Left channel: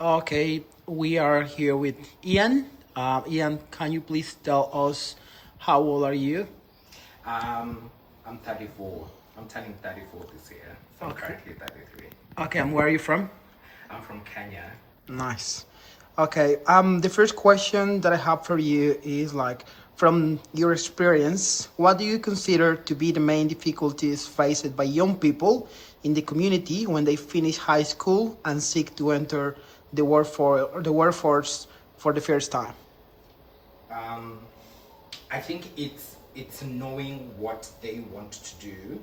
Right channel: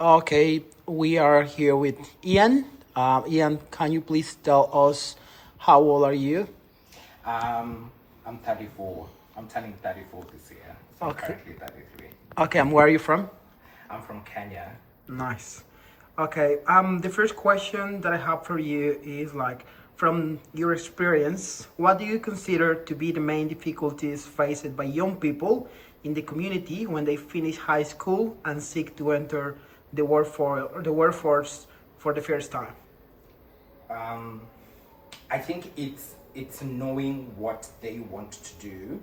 Okay, we are here with Ian. Ian, can you please tell us how old are you? I'm 34. I'm turning 34 this year, so I'm Okay. currently 33. Okay, and where are you from? I'm from Kenya. Nice. Okay, the first question that I have for you is like, from your experience, what do you consider to be the main difficulties faced by young people in the community when they finish high school and seek to enter the workforce for the first time? Um, I think it's knowing what they want to do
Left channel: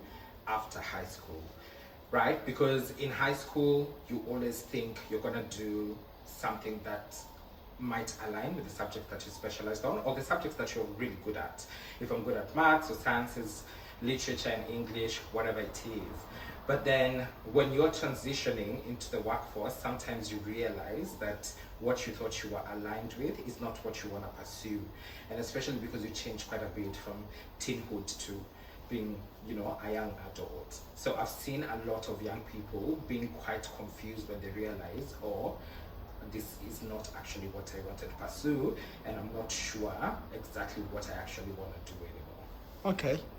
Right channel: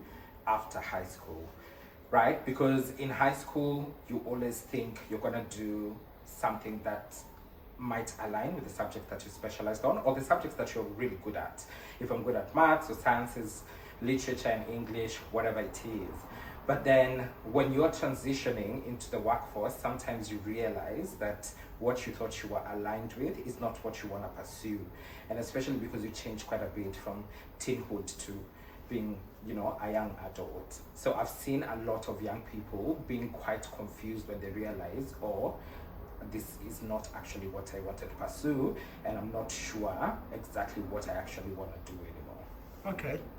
after high school, right? Because in high school, you always think you're gonna do something that might align with the subject that you specialized on or the subjects that you're really good at. If I'm good at maths or sciences, literature and English, whatever it is. But then when you're transitioning into the workforce, sometimes you realize that what you thought you were aligned with is not what you want to pursue. And especially because you change quite a bit from teenhood to being, a young adult. So I've seen a lot of young people being quite confused when they realize, oh, this is not actually what I wanted to pursue, and I'm not sure exactly what I actually want to do anymore.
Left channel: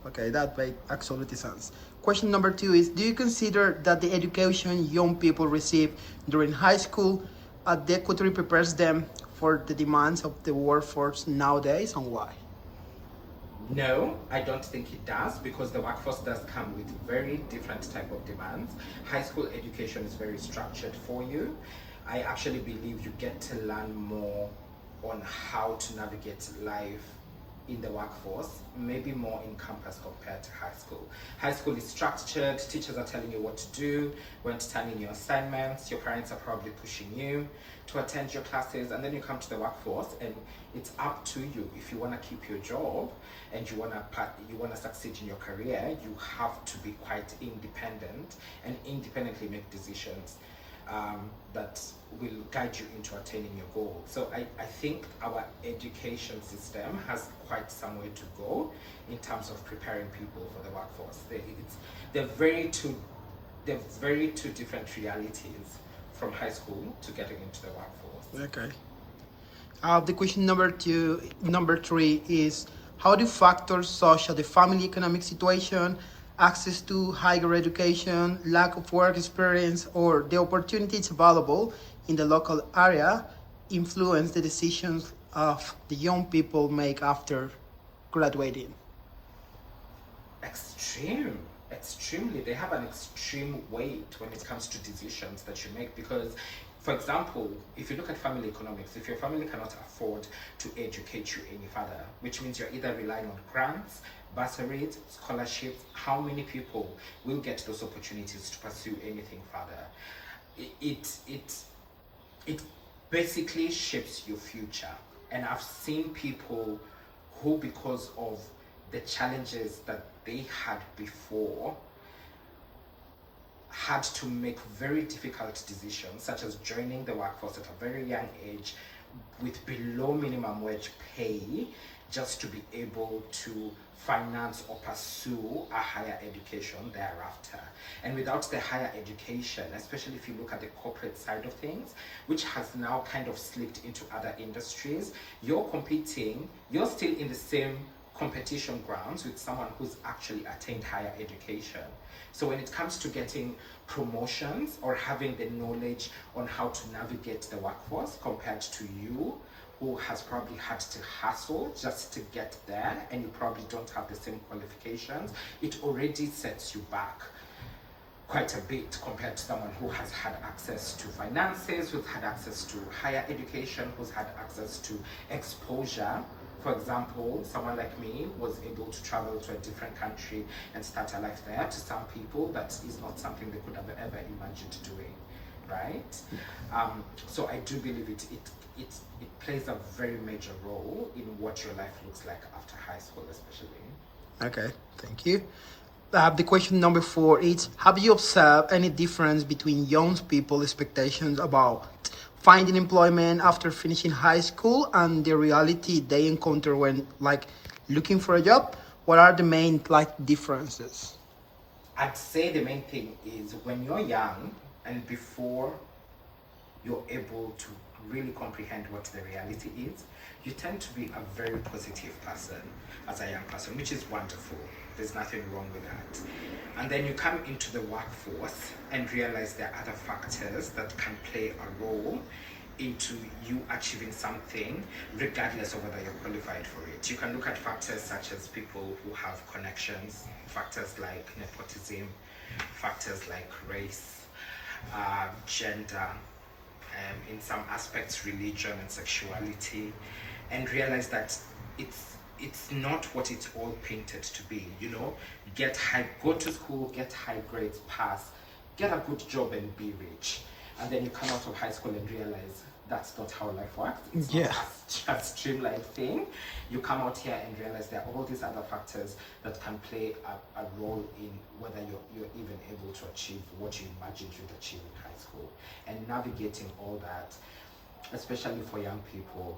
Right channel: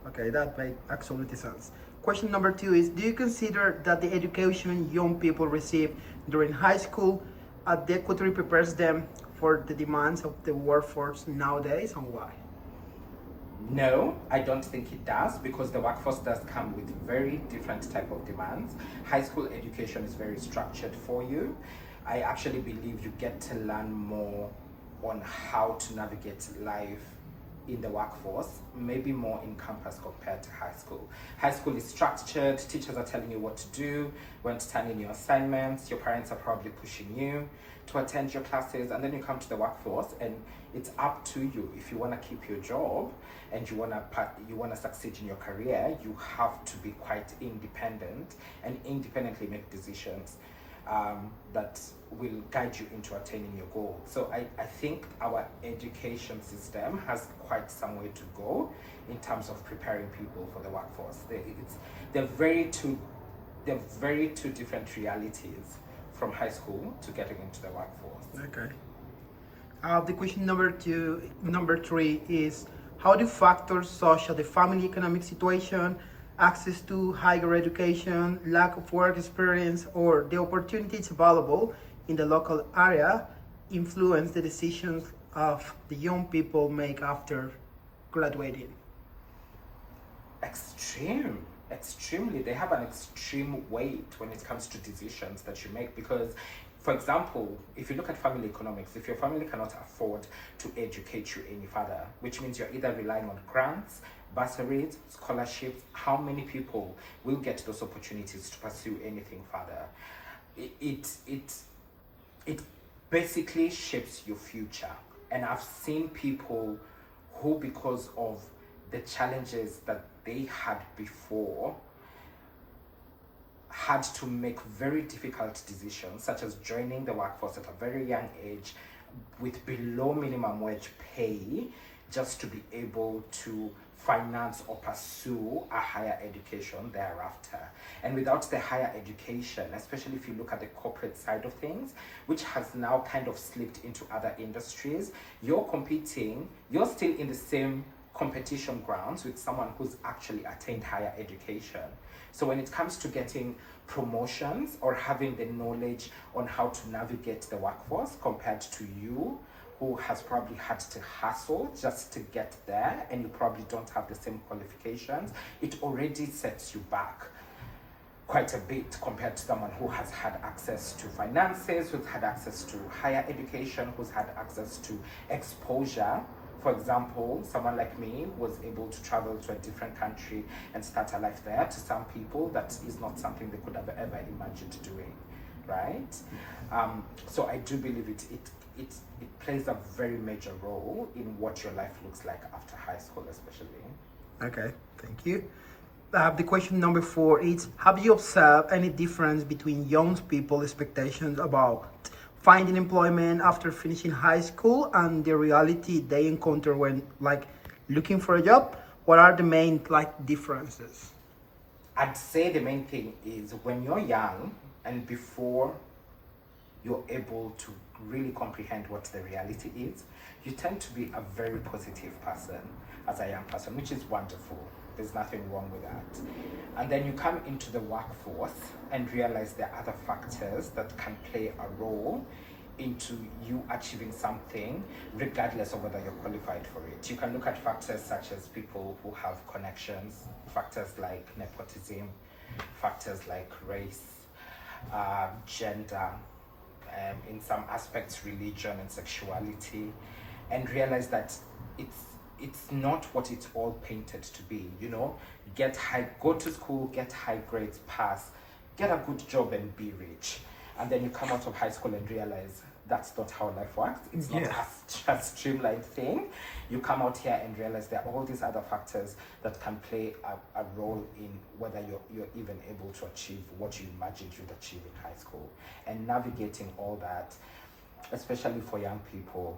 Okay, that makes absolutely sense. Question number two is: do you consider that the education young people receive during high school adequately prepares them for the demands of the workforce nowadays, and why? No, I don't think it does because the workforce does come with very different type of demands. High school education is very structured for you. I actually believe you get to learn more on how to navigate life in the workforce, maybe more in campus compared to high school. High school is structured, teachers are telling you what to do, when to turn in your assignments, your parents are probably pushing you to attend your classes, and then you come to the workforce and it's up to you. If you want to keep your job and you want to succeed in your career, you have to be quite independent and independently make decisions that will guide you into attaining your goal. So I think our education system has quite some way to go in terms of preparing people for the workforce. They're very two they're very two different realities from high school to getting into the workforce. Okay. The question number three is: how do factors such as the family economic situation, access to higher education, lack of work experience, or the opportunities available in the local area influence the decisions of the young people make after graduating? Extremely, they have an extreme weight when it comes to decisions that you make. Because, for example, if you look at family economics, if your family cannot afford to educate you any further, which means you're either relying on grants, bursaries, scholarships, how many people will get those opportunities to pursue anything further? It basically shapes your future. And I've seen people who, because of the challenges that they had before, had to make very difficult decisions, such as joining the workforce at a very young age with below minimum wage pay, just to be able to finance or pursue a higher education thereafter. And without the higher education, especially if you look at the corporate side of things, which has now kind of slipped into other industries, you're still in the same competition grounds with someone who's actually attained higher education. So when it comes to getting promotions or having the knowledge on how to navigate the workforce compared to you, who has probably had to hustle just to get there, and you probably don't have the same qualifications, it already sets you back quite a bit compared to someone who has had access to finances, who's had access to higher education, who's had access to exposure. For example, someone like me was able to travel to a different country and start a life there. To some people, that is not something they could have ever imagined doing, right? So I do believe it plays a very major role in what your life looks like after high school, especially. Okay, thank you. The question number four is: have you observed any difference between young people's expectations about finding employment after finishing high school and the reality they encounter when looking for a job? What are the main differences? I'd say the main thing is when you're young and before you're able to really comprehend what the reality is, you tend to be a very positive person as a young person, which is wonderful. There's nothing wrong with that. And then you come into the workforce and realize there are other factors that can play a role into you achieving something regardless of whether you're qualified for it. You can look at factors such as people who have connections, factors like nepotism, factors like race, gender, in some aspects religion and sexuality, and realize that it's not what it's all painted to be. Go to school, get high grades, pass, get a good job and be rich. And then you come out of high school and realize that's not how life works. It's not a streamlined thing. You come out here and realize there are all these other factors that can play a role in whether you're even able to achieve what you imagined you'd achieve in high school. And navigating all that, especially for young people,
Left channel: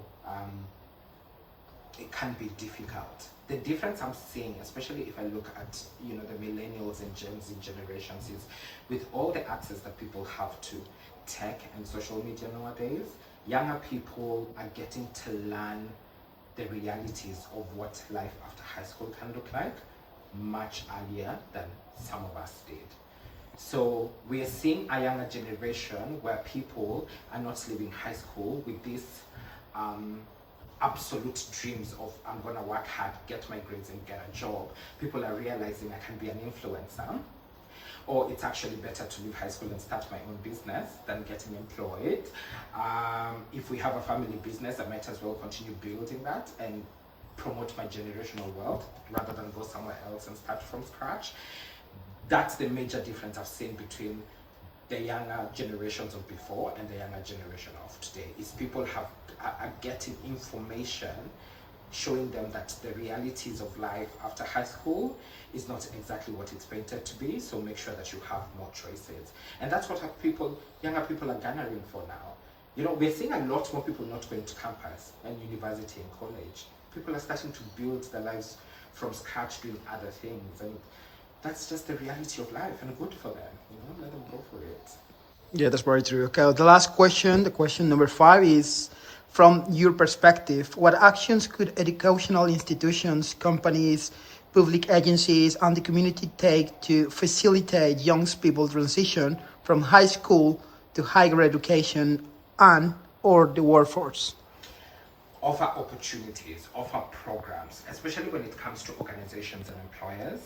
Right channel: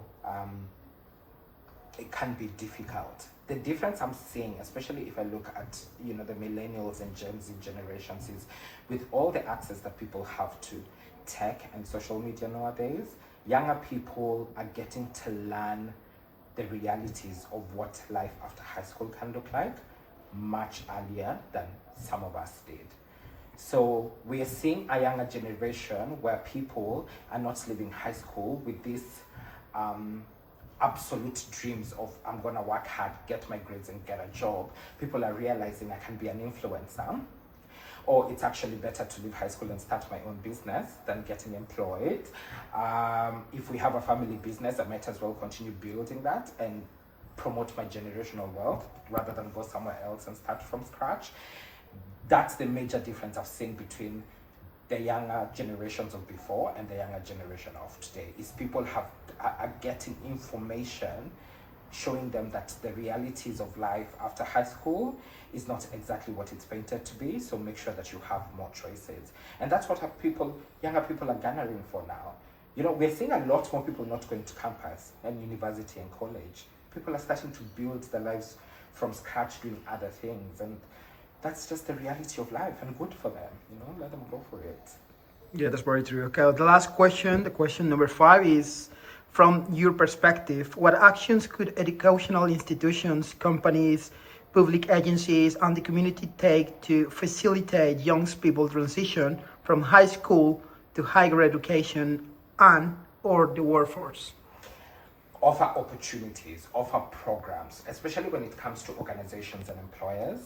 it can be difficult. The difference I'm seeing, especially if I look at the millennials and Gen Z generations, is with all the access that people have to tech and social media nowadays, younger people are getting to learn the realities of what life after high school can look like much earlier than some of us did. So we are seeing a younger generation where people are not leaving high school with this absolute dreams of I'm gonna work hard, get my grades and get a job. People are realizing I can be an influencer, or it's actually better to leave high school and start my own business than getting employed. If we have a family business, I might as well continue building that and promote my generational wealth rather than go somewhere else and start from scratch. That's the major difference I've seen between the younger generations of before and the younger generation of today, is people are getting information showing them that the realities of life after high school is not exactly what it's painted to be, so make sure that you have more choices. And that's what younger people are garnering for now. We're seeing a lot more people not going to campus and university and college. People are starting to build their lives from scratch, doing other things, and that's just the reality of life, and good for them. Let them go for it. Yeah, that's very true. Okay, the last question, the question number 5 is, from your perspective, what actions could educational institutions, companies, public agencies, and the community take to facilitate young people's transition from high school to higher education and or the workforce? Offer opportunities, offer programs, especially when it comes to organizations and employers.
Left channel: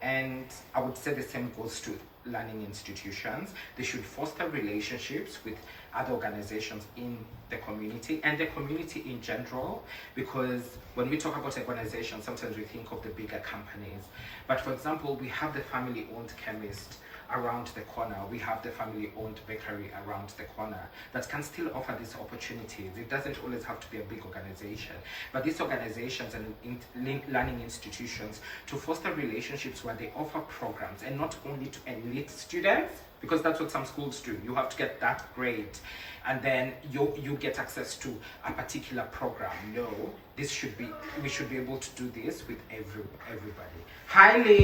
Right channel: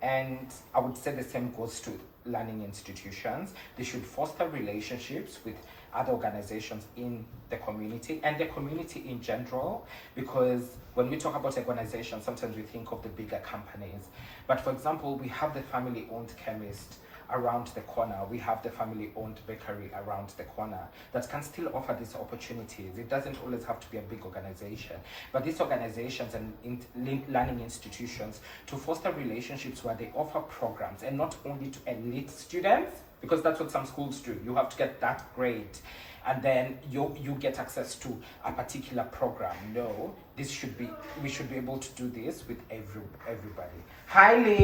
And I would say the same goes to learning institutions. They should foster relationships with other organizations in the community and the community in general, because when we talk about organizations, sometimes we think of the bigger companies. But for example, we have the family-owned chemist around the corner. We have the family-owned bakery around the corner that can still offer these opportunities. It doesn't always have to be a big organization, but these organizations and learning institutions to foster relationships where they offer programs, and not only to elite students, because that's what some schools do. You have to get that grade and then you get access to a particular program. No, we should be able to do this with everybody. Hi, Lee.